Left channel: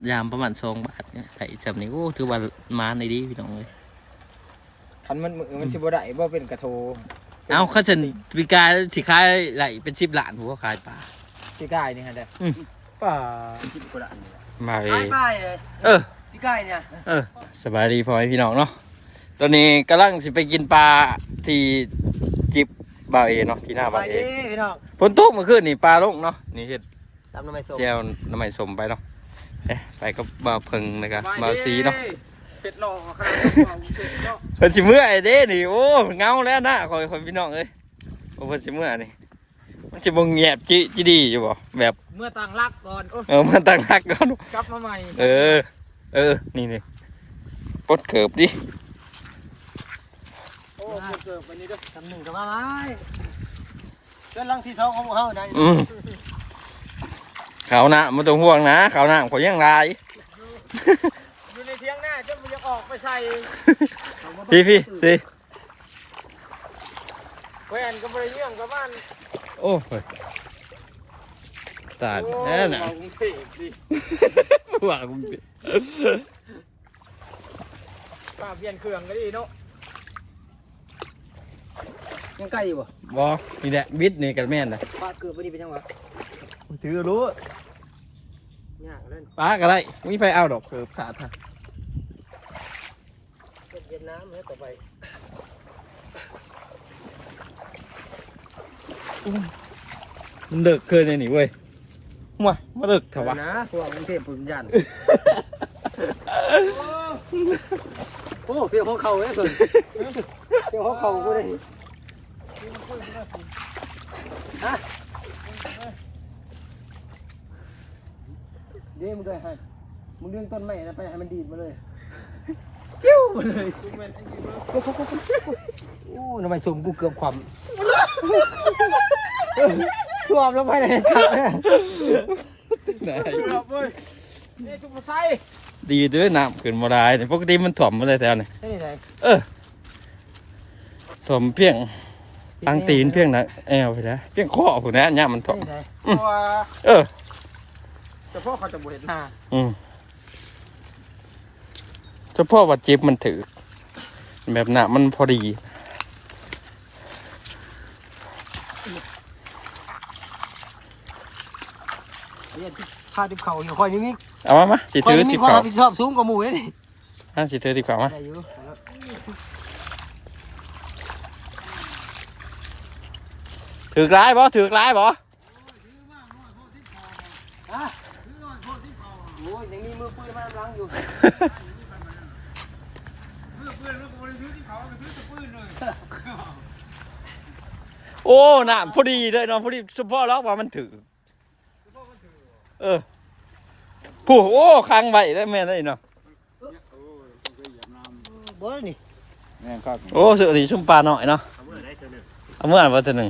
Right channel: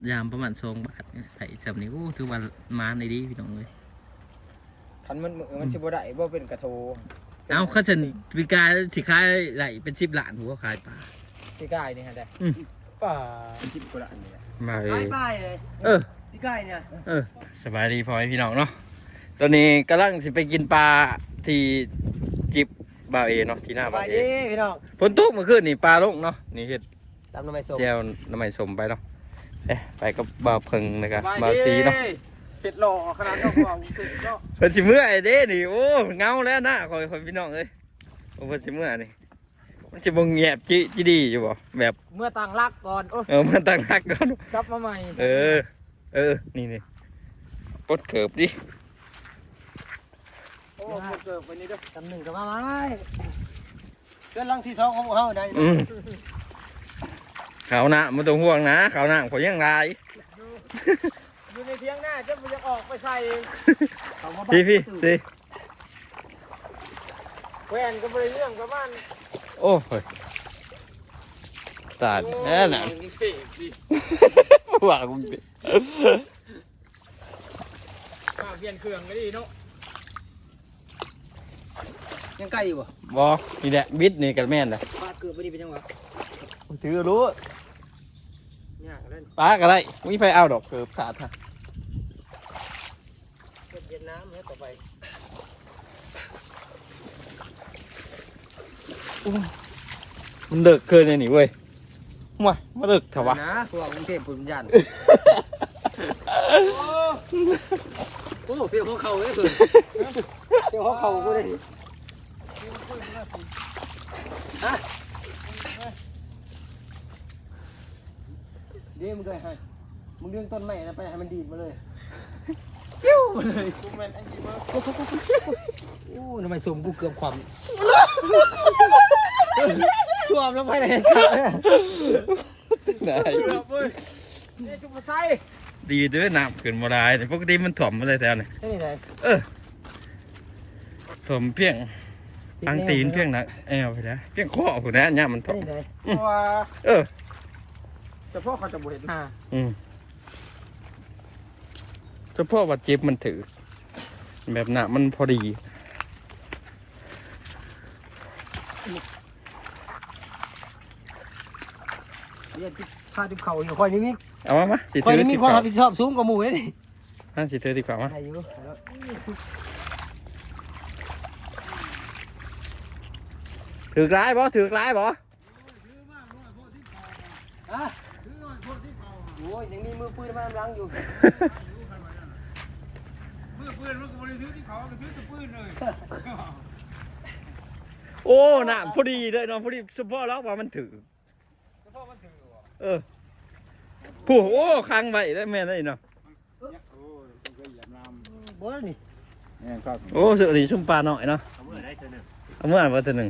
ยามประมาณ2 บาทเนี่ยใส่จำนี้โอ้ถือว่ามาในดีพี่น้องเลยคันมันสิบ่ได้บ่เป็นกระโทเอาข้าฉันวิกาสิขายไหลเป็น10 ล้านหัวขายปลาที่ได้นี่ฮะเด้ป่า10 กว่าล้านนี่มาเอป้ายเลย พี่ไก่เนี่ยสบายดีพ่อพี่น้องเนาะตอนนี้กำลังสิไปกินปลาที่จิบบ่าวเอเนาะที่หน้าไปบ่าวเอดิพี่น้องฝนตกเมื่อคืนนี่ปลาลงเนาะนี่เฮ็ดตำน้ำมันส้มแจวน้ำมันสมไปเนาะไปกับบ่าวเพิงนะครับบ่าวซีเนาะเป็ดหล่อขนาดนั้นว่าเป็ดเนาะเพิ่นสิเมื่อยเด้นี่โอ้เงาแล้วนะคอยพี่น้องเอ้ยโอ้เพิ่นสิเมื่อยนี่มันสิบ่แงบจิดีอยู่บ่แบบเมื่อตั้งรักก่อนโอ้มาตั้งหลักก่อนกลับมาใหม่นี่ปลดเกิบดิโอ้เกิดไปนี่เด้อตำหนึ่งกับมาไม้เพื่อนลังที่2ของเฮาได้ขาวหน้ามันต้องห่วงนะขาวหน้าขอยยังลายอยู่ในเถียงหน้าจะบ่อยากออกไปใส่พี่สิแหวนก็บ่ได้เรื่องกับบ้านโอ้ยตาดแน่น่ะว่ากูป้าเปลี่ยนเครื่องก็ดีเนาะยังไก่อยู่บ่บ่นี่แหละบิดนี่กันแม่นน่ะป้าเกือบบ่ดีเป็นจังหวะถือรู้ยากเล่นป้าก็ได้มีไฟเอาดอกเกิบขาดฮะเย็นน้ำให้ต่อไปมันเดึกเกินเลยนี่เว้ยมาเดึกเถอะวะนะพวกกรุงเทพปุ่นยันโอ้เดี๋ยวเขาเข่าเลยส่วนเดี๋ยวเขาเข่ากูเลยฮะเดี๋ยวมึงเลยให้มึงดึงต้นไม้นะไปให้มันดีดมาเลยจิ้วมาเลยโอ้ทำไมสุ่มกูเกือบความท่วมแล้วไปเลยไหนเกือบเว้ยเอ้ซุปเปอร์ไซดีด้วยน้ำขึ้นมาได้แต่ปกติมันถ่วมมาเลยแถวนี้นี่ไหนถ่วมเพียงตั้งตีนเพียงนะแอวไปแล้วเพียงข้อผมนะเนี่ยมันถ่วมนี่ไหนตัว เฉพาะเขาจะบ่เห็นหน้าเฉพาะว่าเจ็บมันถือแบบหนามันพอดีเนี่ยพาดิบเข่าอยู่คอยนี่มีเอามาสิคอยถือนี่มีติดความขวารับผิดชอบสูงกว่าหมู่เลยนี่สิถือติดขวามาได้อยู่ถือกลายบ่ถือกลายบ่ฮะโอ้ยยังมีมือปืนมากำลังอยู่มือปืนมันก็บ่ได้ถือที่เขาก็ถือแต่ปืนเลยโอ้หนาพอดีเลยเนาะพอดีเฉพาะล็อกว่ามันถือผู้โอ้ค้างไว้ได้แม่ได้เนาะบ่นี่โอ้สุดที่ชุ่มปลาหน่อยเนาะเอาเมื่อไหร่ว่าตัวหนึ่ง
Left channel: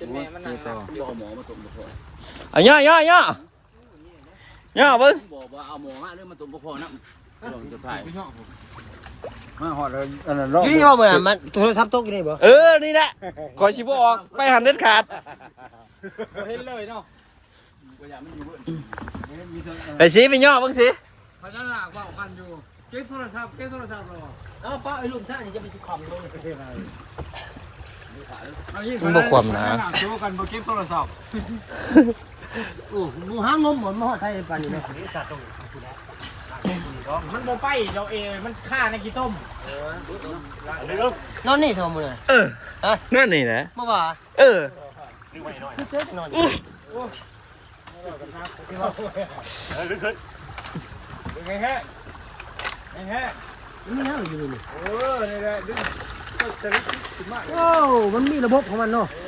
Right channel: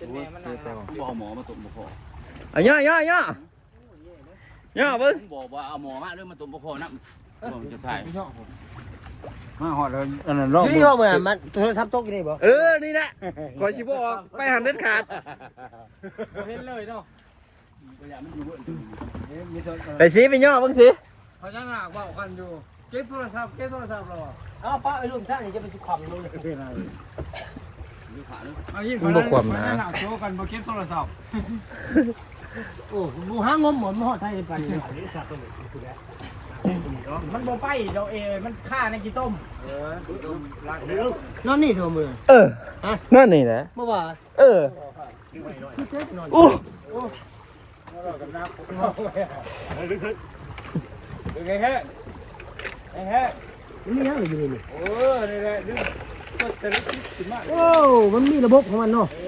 เอาย่อย่อย่อย่เบิ้งบอกว่าเอาหมอมาเรื่องมันตุ่มพอนะผมจะถ่ายมาหอดเลยรอบยี่ห้อเหมือนมันโทรศัพท์ตกอยู่นี่บ่นี่แหละขอชิบออกไปหันเด็ดขาดบ่เห็นเลยเนาะไปสิไปย่อเบิ้งสิเขายังหนักว่ากันอยู่เก็บโทรศัพท์รอเอาป้าไอ้ลุงซ่านี่จะไปสิความเลยมันบ่ความนะโชว์กันบ่เก็บโทรศัพท์โอ้หมู่ห้างงมหมดมาหอดใส่ปานนี้เลยมันบ่ไปเราเองมันฆ่าในกี่ต้มนอนนี่สมมุติเลยนั่นนี่แหละเมื่อวานคือเกิดนอนไงแฮะไงแฮะมันมีอะไรอยู่นี่นี่แหละนี่พวกเตลิขึ้นมาโอ้มันมีระบบของมันเนาะ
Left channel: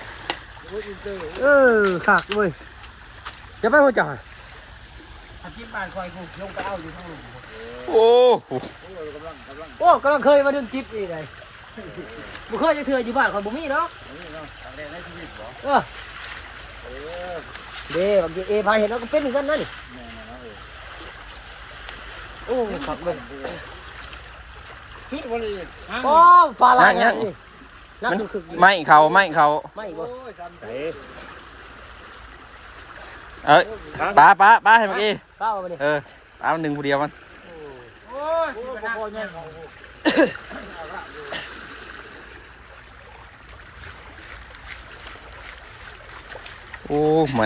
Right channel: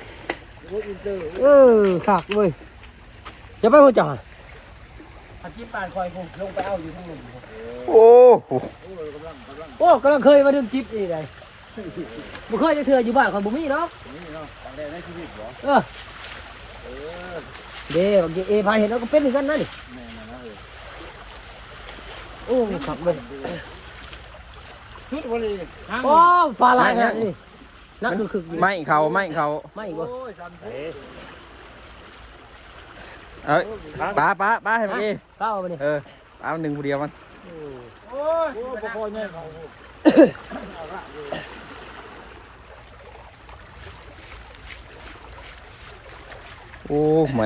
ขากเว้ยจะไปหัวจ่าอาชีพการคอยผมลงไปเอาอยู่ทั้งหมดโอ้โหโอ้กำลังเคยมาดึงจิ๊บนี่ไงบ่เคยจะเถื่ออยู่บ้านของบุมี่แล้วเด้บางทีพาเห็นแล้วก็เป็นเหมือนกันนั่นโอ้มีขับเว้ยทุกวันนี้โอ้ปลาลายนี่นักคึกอยู่ไม่เขาไม่เขาไม่บ่เอ้ยป้าให้เมื่อกี้ข้าวมาดิเอาหนึ่งผู้เดียวมันโอ้ยปลาคอใหญ่โอ้ไม่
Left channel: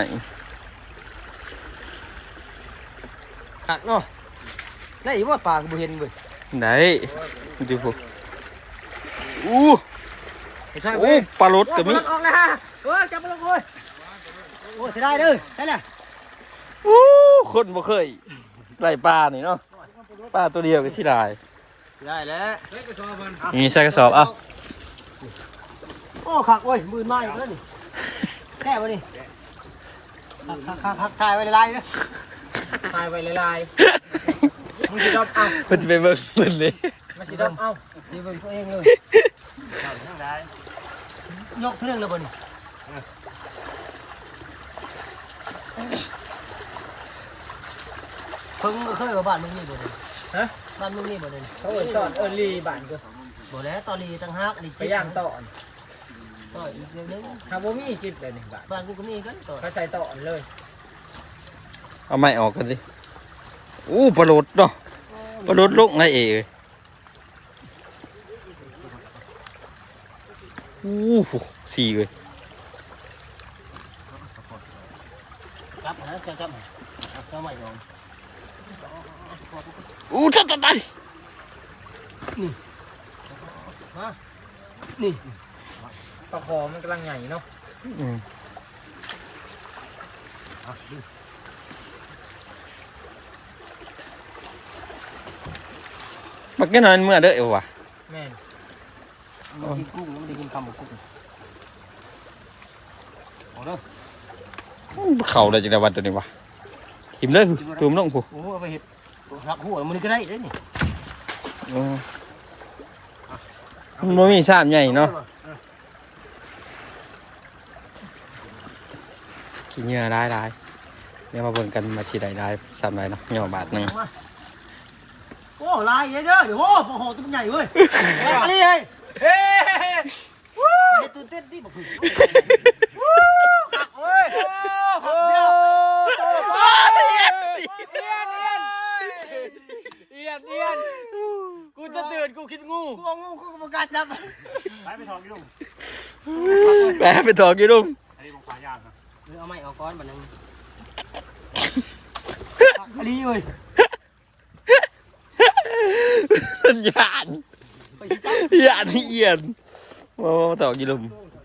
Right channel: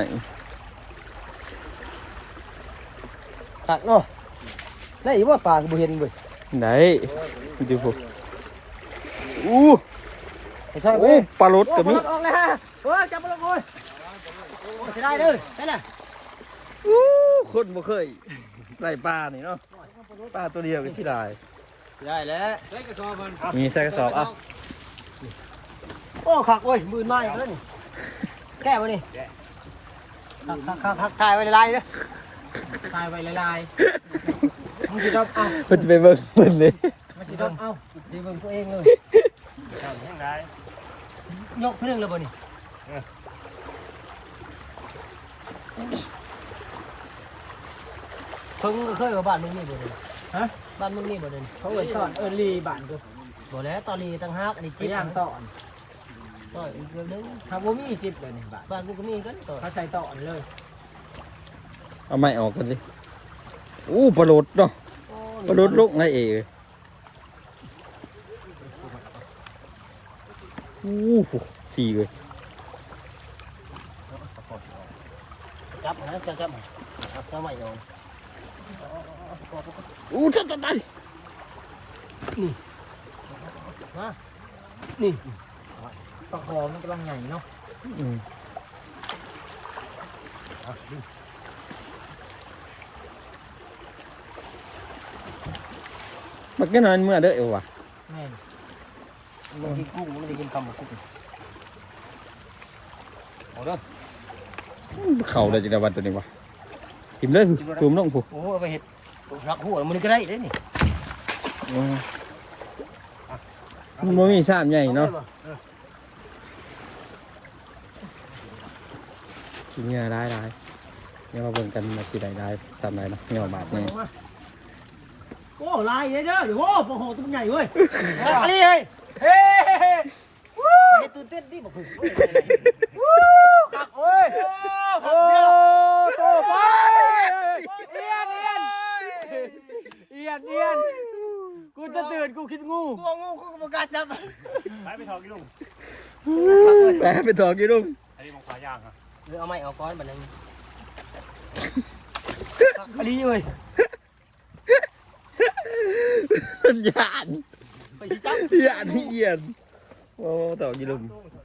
ขักเนาะได้อีว่าปลาบ่เห็นเว้ยไหนดูพวกอู้ไม่ใช่โอ้ปลารสก็มีออกนะฮะจับมาลงเลยโอ้ยได้เด้อได้แล้วอู้คนบ่เคยไล่ปลานี่เนาะปลาตัวเดียวก็สิได้ได้แล้วนี่ใส่กระสอบเอาโอ้ขักเว้ยมือไม้แล้วนี่แก้มานี่ขักถ่ายไว้ลายๆเด้อตายไปลายๆมึงสิดมเอามันจะไปเบิ่งมันเลยมันสิดมเอาดีเบิ่งตัวเองเลยยกเครื่องเลยบ่นี่เพิ่งเคยว่าบ้านมึงนี่บ่นี่ฮะบ้านมึงนี่บ่นี่เขาเอิ้นตอนเอิ้นลีบ้านกูบ่แล้วตอนนี้ตั้งฮักอันนี้ไปย่างตอนต่ออีกเรื่องนึงหากบ่มีจิบเลยนี่บ้านบ้านกูก็มีกันต่อเขาใส่ตอนเลยเอาไม้ออกกันสิอู้ปลารสเนาะปลารสลงไงเอ๋ยอู้หูสี่เลยจับนะจับจับใหม่ยองอู้ตายตายมานี่ปลาคอมันกำลังใหญ่เนาะอืมมันก็นอนเมื่อเด้อเอวว่ะแม่นมันกินกุ้งมันได้กินปลาหมึกกุ้งเอาเด้อเข่าได้จังได๋วันตัวนี้วะหิมเลยตูมลงผู้โอ้เอาไปเห็ดรักหัวมันก็ได้เด้นี่โอ้มันบ่มีซ้ำใหญ่เนาะขี้เหงื่อได้เนี่ยมาเบิ่งกันมาสิได้ซ้ำได้เนาะเหงื่อบาทหนึงโอ้ลายเด้อเดี๋ยวโอ้โหตัวใหญ่เว้ยอะไรเฮ้ยเฮ้ยไม่ตื่นเต้นดิบอกคือขักเว้ยขับเดียวเอียนกูจะตื่นกูคิดงูกูงูกูประกาศจับไปทองกี่ลุงแปะไปถอกี่ลุงอันนี้มองขวาย่างครับเอาไม้เอาก้อนแบบนั้นอะไรเว้ยมันยานไปสิจับยานเอียนมาถอกี่ลุง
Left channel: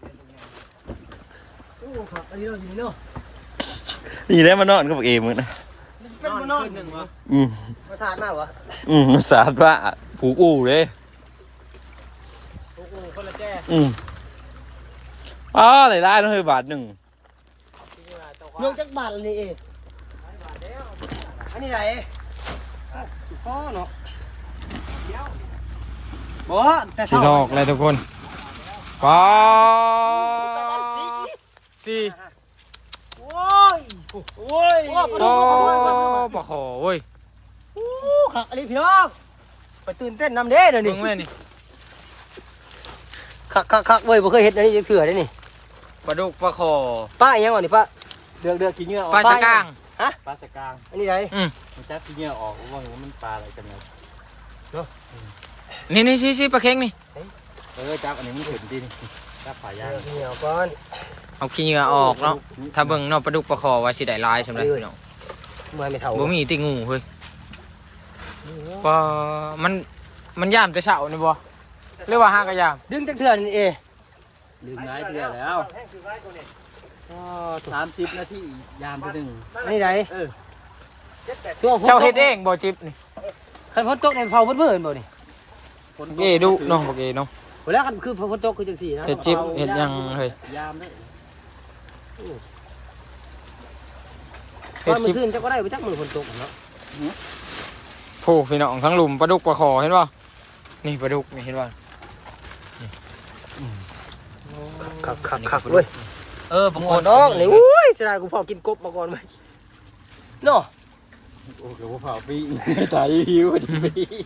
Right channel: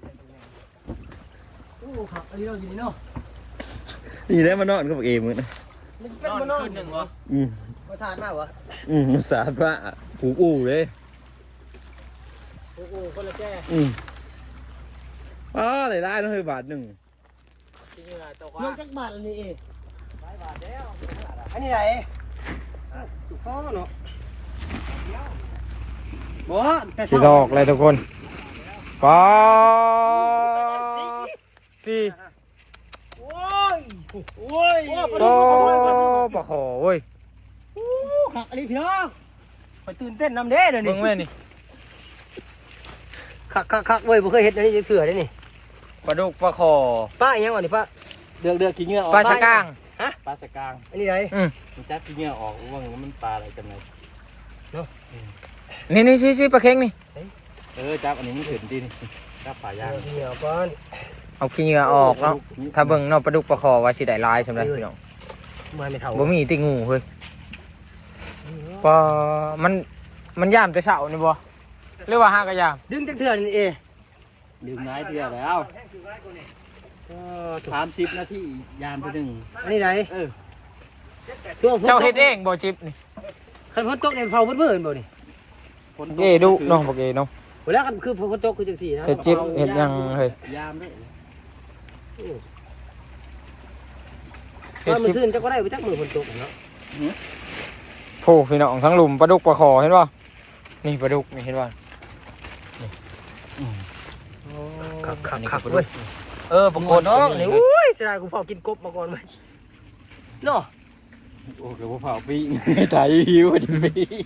โอ้ขับอะไรเราอยู่เนาะนี่แหละมานอนกับเอมึงนะเป็นมันนอนขึ้นหนึ่งวะมาสาดหน้าวะสาดว่าผูกอู่เลยโอ้โหคนละแจ้อ๋อได้ต้องให้บาทหนึ่งเรื่องจักบาทอะไรเองอันนี้ไหนบ่แต่สีทอกเลยทุกคนปอสี่โอ้ยโอ้ยโอ้ปลาคอเว้ยขักอะไรพี่น้องไปตื่นเต้นนำเด้เดี๋ยวนี้เบิ่งแม่นี่ขักเว้ยบ่เคยเห็นอันนี้จะเถื่อได้นี่ปลาดุกปลาคอป้ายังอ่ะนี่ป้าเดือกขี้เหงื่อปลาสะก้างฮะปลาสกางอันนี้ไหนมันจับที่เงี้ยออกว่ามันปลาอะไรกันเลยนี่ชี้ปลาเค็งนี่จับอันนี้มันถึงที่นี่จับปลาย่างขี้เหงื่อก่อนเอาขี้เหงื่อออกเนาะถ้าเบิ่งเนาะปลาดุกปลาคอว่าสิได้หลายสำหรับพี่น้องเมื่อยไม่เท่าบ่มีติงูเฮ้ยปลามันย่ามแต่เช้านี่บ่หรือว่าหากะยามดึงจักเถื่อนี่เอดึงน้ายเถื่อแล้ว30 นาทียามไปหนึ่งอันนี้ไหนเจ้าเฮ็ดเองบ่จิบนี่คันฝนตกมันเผาเพิ่นบ่นี่เอ้ดุเนาะบ่เกเนาะเวลาคันคือฝนตกคือจังซี่นะเฮ็ดจิบเฮ็ดหยังเฮ้ยยามด้วยเฮ็ตอดนมื้จิอบ ซื่นจักก็ได้บ่จักมื้อฝนตกเนาะโอ้พี่น้องทั้งหลุมปลาดุกปลาคอเห็นป่ะนี่ปลาดุกนี่เห็นป่ะนี่อันนี้ก็ปลาดุกปรากฏน้องนี่อุ้ยเสียดายกูพอกินกบมาก่อนไหมเนาะโอ้เดี๋ยวเผาปิ้งใจหิวดิปิ้ง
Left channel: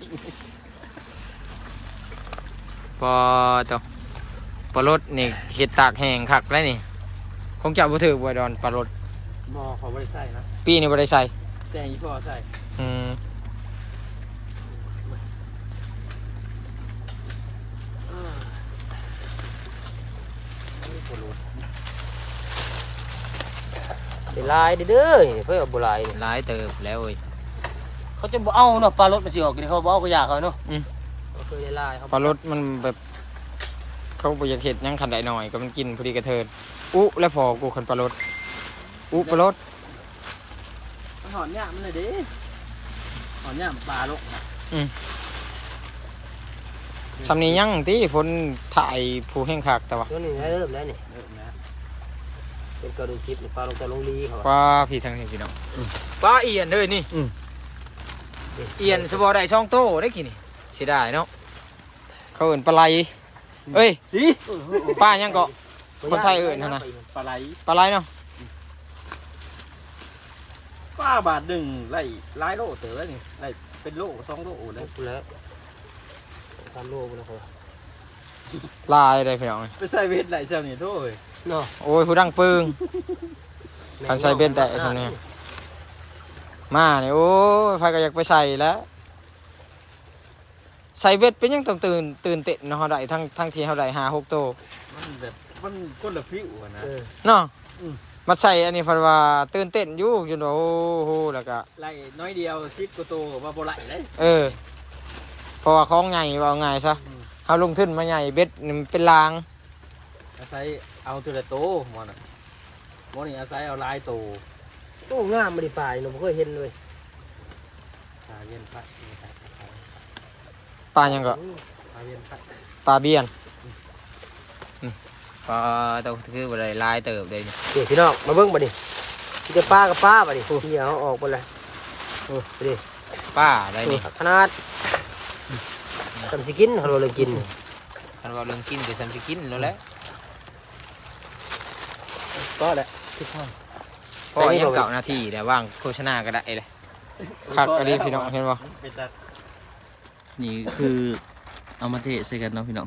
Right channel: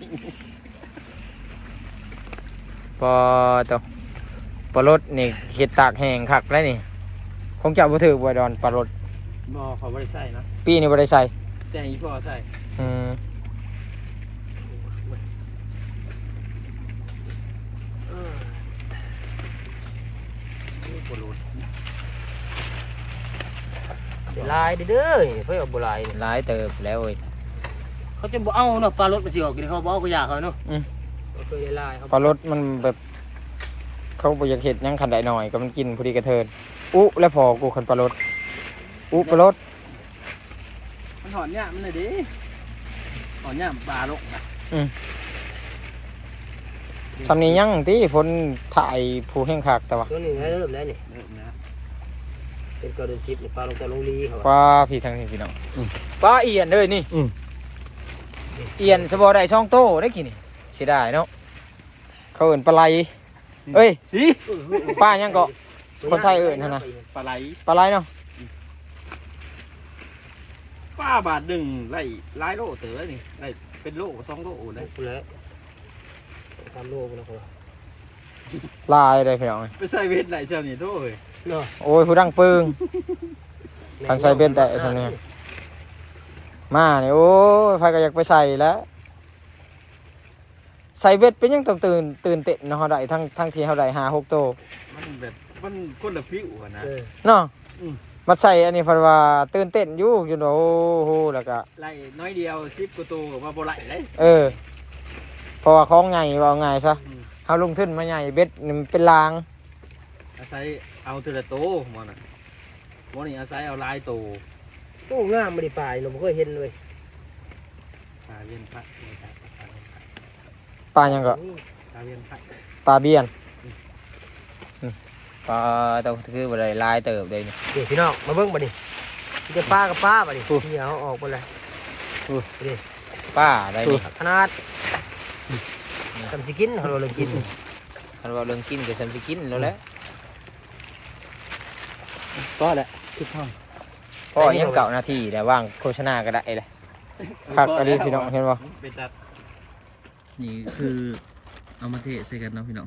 ปลาตัวปลารสนี่เห็ดตากแห้งคักแล้วนี่คงจะบ่ถือบ่ดอนปลารสบ่เขาไม่ได้ใส่นะปีนี้บ่ได้ใส่แจ้งอีพ่อใส่อืมเดี๋ยวลายเด้อเพื่อบ่ลายหลายเติบแล้วเว้ยเขาจะบ่เอาเนาะปลารถมาสิออกกินเขาบ่เอาก็อยากเขาเนาะก็คือได้ลายเขาพอรถมันแบบเขาบ่อยากเฮ็ดหยังคันใดหน่อยก็มันกินพอดีกระเทินอุ๊แล้วพอกูคันปลารถอุ๊ปลารถมันถอนเนี่ยมันเลยดิถอนเนี่ยปลาลงสำนี้ยังติผลถ่ายผู้แห่งคักแต่ว่าตัวนี้เริ่มแล้วนี่เริ่มแล้วเป็นกระดูกชิปปลาลงจากลงลีเขาว่าพี่ทางนี้พี่น้องปลาเอียนเด้อนี่เอียนสบอได้ช่องโตได้กี่นี่เสียดายเนาะเขาเอิ้นปลาไหลเอ้ยสิป้ายังเกาะคนไทยเอิ้นหั่นน่ะปลาไหลปลาไหลเนาะป้าบาทหนึ่งไล่หลายโลเต๋อนี่ไล่เป็นโล2 โลได้แล้วตามโลกแล้วเขาลายได้พี่น้องไปใส่เวทไหลเจ้านี่โทษเนาะโอ้ยผู้ดังปึง คันใส่เบ็ดได้ซำนี้มานี่โอ้ยไผก็อยากไปใส่แล้วใส่เบ็ดเป็นยังต้องตื่นเต้นเนาะเฮาได้ทั้งที่เฮาได้5-6โตมันแบบมันคนละฟิวอะนะเนาะมาใส่อันนี้เพิ่นว่าตื่นเต้นอยู่จนว่าโอ้โหแล้วก็ไล่น้อยเดียว10 กว่าตัวว่าบ่ไหลเลยเพราะว่าของใหญ่ว่าง่ายซะเฮาลงทุนมาใหญ่เบ็ดนี่มันเป็นรางอาศัยเอาแต่ละโตหมอน่ะหมอนี่อาศัยเอาหลายโตตู้งามไม่ได้ปลายเราไม่เคยเห็นเลยปลาเวียนพัดปลาหยังก็ปลาเวียนพัดปลาเบี้ยนปลาตัวคือบ่ได้ลายเติบเลยนี่เดี๋ยวพี่น้องมาเบิ่งบ่ดิจะปลากับปลาบ่ดิที่เอาออกไปเลยดิปลาได้นี่ขนาดทำสิกินเราเลยกินคันว่าเรื่องกินก็ฉันสิกินแล้วแหละก็แหละคิดห้องเพราะยังเก่านาทีแต่ว่างโฆษณาก็ได้เลยคักอันนี้พี่น้องเห็นบ่เป็นตัดนี่คือเอามาเทใส่กันเนาะพี่น้อง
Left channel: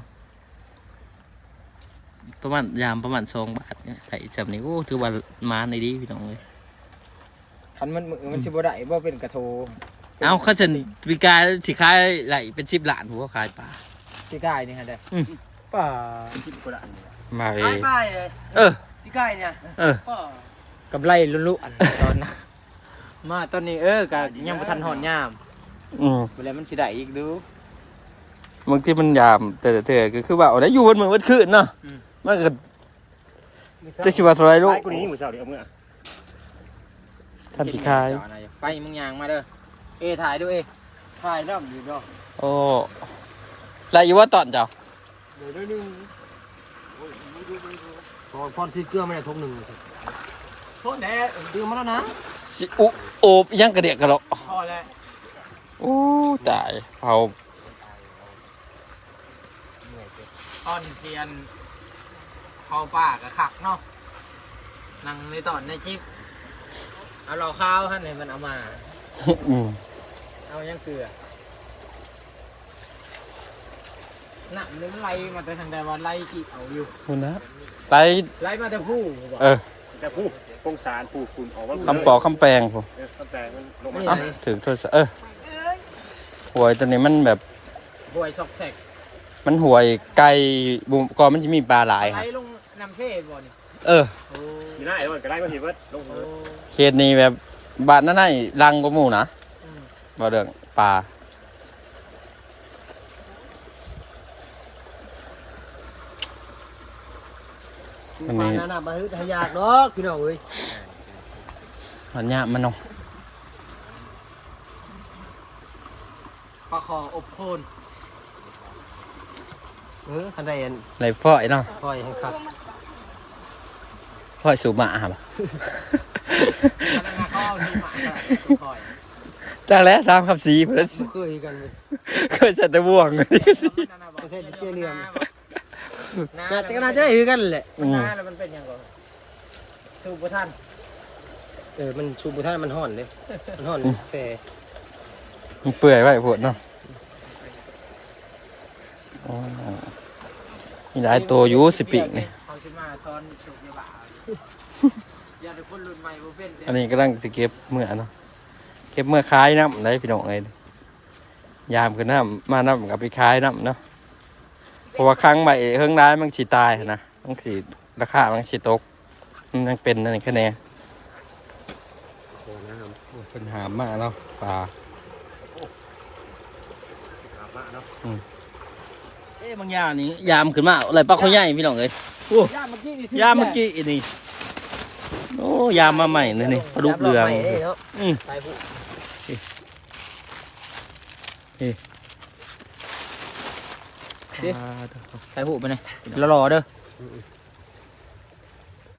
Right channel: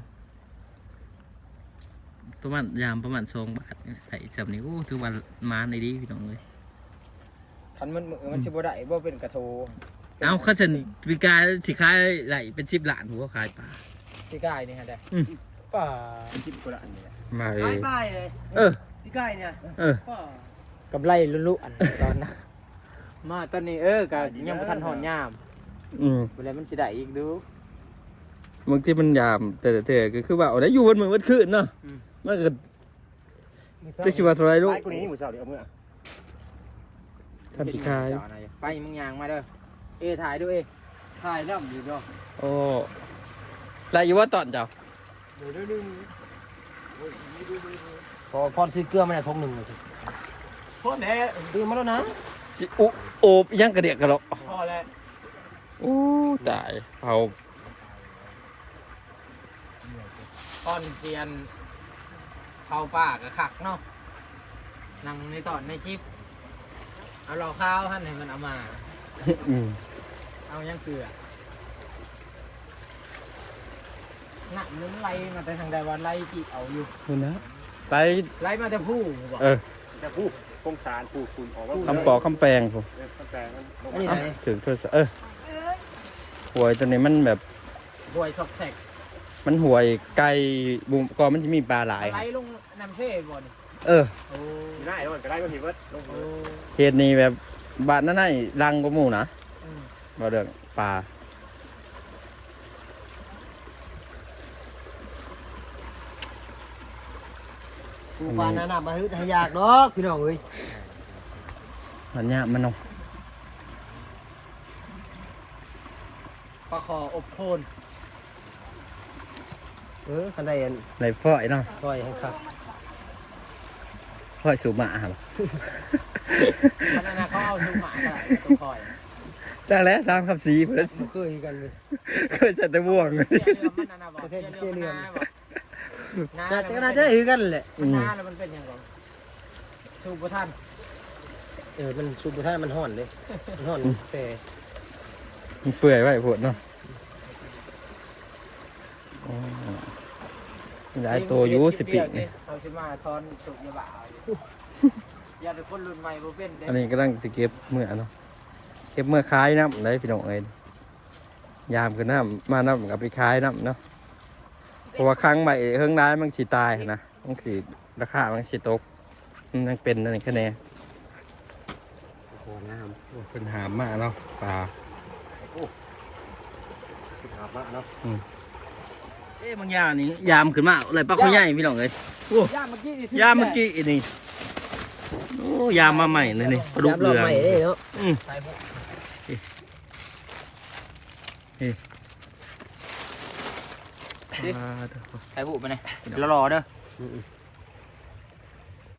ประมาณยามประมาณ2 บาทเนี่ยใส่จำนี้โอ้ถือว่ามาในดีพี่น้องเลยคันมันสิบ่ได้บ่เป็นกระโทเอาข้าฉันวิกาสิขายไหลเป็น10 ล้านผมก็ขายปลาที่กายนี่ฮะเด้อป่า 10 กว่าอันนี่มาเอไก่เลยเออพี่ไก่เนี่ยเออกำไรลุ้นๆตอนนั้นมาตอนนี้ก็ยังบ่ทันหอนยาม เวลามันสิได้อีกดูบางทีมันยามแต่ก็คือว่าเอาได้อยู่บนเมืองวันคืนเนาะมันก็จะชิว่าเท่าไรลูกคนนี้มือเสาเดียวมือท่านสิขายไปมึงยางมาเด้อถ่ายดูถ่ายน้ำอยู่เนาะโอ้ไรอยู่ว่าตอนเจ้าเดี๋ยวนึงพอซื้อเกลือมาทงหนึ่งเลยโทษแน่ซื้อมาแล้วนะสิอุโอบยังกระเดียกกระโดดพอแล้วโอ้ตายเผาตอนเซียนเผาป่ากับขักเนาะนั่งในตอนในจิ๊บเอาเราข้าวให้มันเอามา เอายังเกลือหนักนี่มันไล่มาแต่ทางใดว่าไล่จีเอาอยู่คุณนะไรไล่มาแต่ผู้บอกแต่ผู้พงสารผู้คุณออกว่าคำปอกคำแปลงผมตั้งแต่อ่ะถึงโทรศัพท์หวยตัวนี้มันแบบบวยซอกแซกมันหวยไก่บุมกอมันจะมีปลาหลายครัไล่บลงน้ำเช่บ่นี่เออโอ้มีหน้าเดี๋ยวมันก็ได้มาเห็นว่าลงโอ้เขตนี้แบบบ้านนั่นไงรังก็หมู่นะอืมบ่เรื่องปลาปลาหน้ามาฮึดให้ยากดอกพี่น้องเอ้ยมันยากมันเนาะปลาคออบโคนคันใดอันไรฝ้อยเนาะคอยให้ครับฝ้อยสูบหมาบ่อันนั้นนะเขาเอาดูหมาก็คอยจ้าแล้วตามคำสีเพื่อนเคยกันเลยเคยใส่ตะบ่วงเลยแต่ก็น่าจะได้คือกันแหละหน้าแล้วมันเป็นยังไงสูบท่านมันชูบุท่านมันห่อนเลยมันห่อนแซ่มันเปื่อยไว้ปวดเนาะอ๋อมีหลายตัวอยู่สิปีกนี่เขาชิมาซ้อนสูบยาบ้าอย่าทุกคนรุ่นใหม่บ่เป็นอันนี้กำลังสิเก็บเมื่อเนาะก็บเมื่อขายน้ำได้พี่น้องเอ้ยยามคือน้ำมาน้ำกับไปขายน้ำเนาะเพราะว่าครั้งใหม่เฮิงร้ายมันสิตายนะมันสิราคามันสิตกมันยังเป็นนั่นแค่ไหนเป็นหามมากเนาะปลาบางอย่างนี่ยามขึ้นมาอะไรปลาเขาใหญ่พี่น้องเอ้ยยามเมื่อกี้นี่โอ้ยามมาใหม่เลยนี่ปลาดุกเรืองถ่ายหูปไปเลยรอๆเด้อ